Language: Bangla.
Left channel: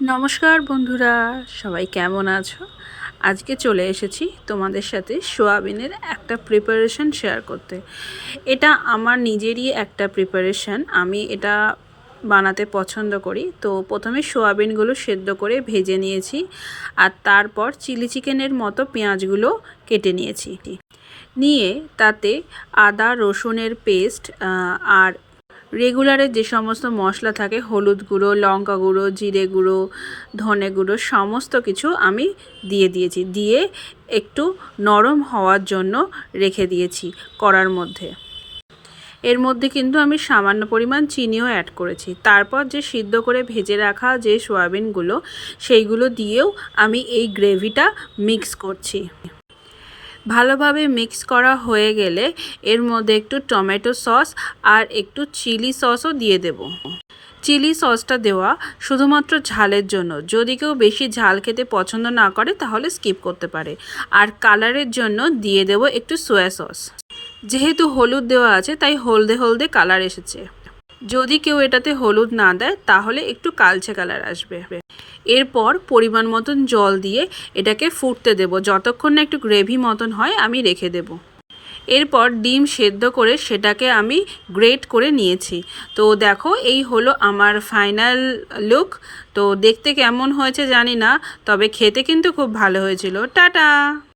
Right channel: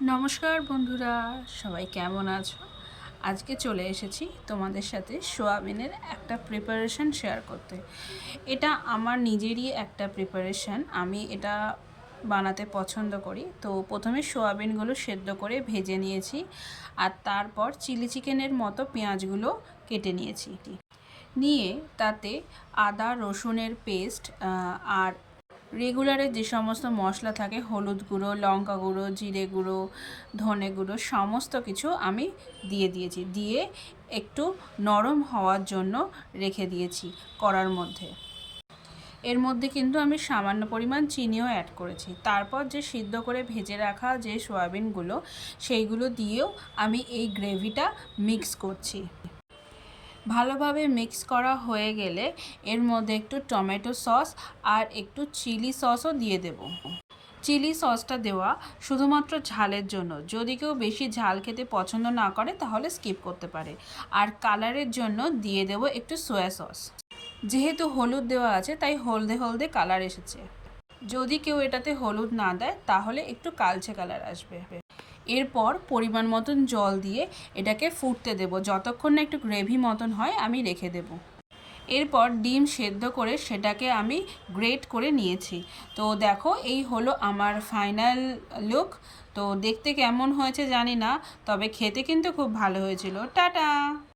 নমস্কার বন্ধুরা, সবাই কেমন আছো? আজকে চলে এসেছি তোমাদের সাথে সোয়াবিনের একটা প্রিপারেশন শেয়ার করতে। এটা আমার নিজেরই একটা প্রিপারেশন, আমি এটা বানাতে পছন্দ করি। তো প্রথমে সোয়াবিনগুলো সেদ্ধ করে ভেজে নিয়েছি, আর তারপর চিলি চিকেনের মতো পেঁয়াজগুলো কেটে নিয়েছি। নিয়ে তাতে আদা রসুনের পেস্ট আর রেগুলারের যে সমস্ত মশলা থাকে, হলুদ গুঁড়ো, লঙ্কা গুঁড়ো, জিরে গুঁড়ো, ধনে গুঁড়ো, সমস্ত কিছু আমি দিয়েছি। দিয়ে একটু নরম হওয়ার জন্য রেখে দিয়েছি কড়ার মধ্যে। এর মধ্যে কিন্তু আমি সামান্য পরিমাণ চিনিও অ্যাড করেছি। তারপর যে সিদ্ধ করে ভেজে রাখা যে সয়াবিনগুলো, সেইগুলো দিয়েও আমি এই গ্রেভিটা মিক্স করছি। ভালোভাবে মিক্স করা হয়ে গেলে এর মধ্যে একটু টমেটো সস আর একটু চিলি সসও দিয়ে দেব। চিলি সসটা দেওয়া শুধুমাত্র ঝালের জন্য, যদি কেউ বেশি ঝাল খেতে পছন্দ না করে তাহলে স্কিপ করতে পারে। আর কালারের জন্য দিয়ে দেব একটু সয়া সস। যেহেতু হলুদ দেওয়া আছে তাই হলদে হলদে কালার এসেছে। যদি কেউ এটাতে হলুদ না দেয় তাহলে একটু কালচে কালার আসবে। এরপর পরিমাণ মতন জল দিয়ে এটাকে ফুটতে দেব, যতক্ষণ না একটু গ্রেভি মতন হয় আমি রেখে দেব। এরপর ডিম সেদ্ধ করে সেটাকে আমি গ্রেট করে নিয়েছি। তো দেখো, এই হলো আমার ফাইনাল লুক। তো দেখতে কেমন হয়েছে জানি না, তবে খেতে কিন্তু খুব ভালো হয়েছিল। টাটা।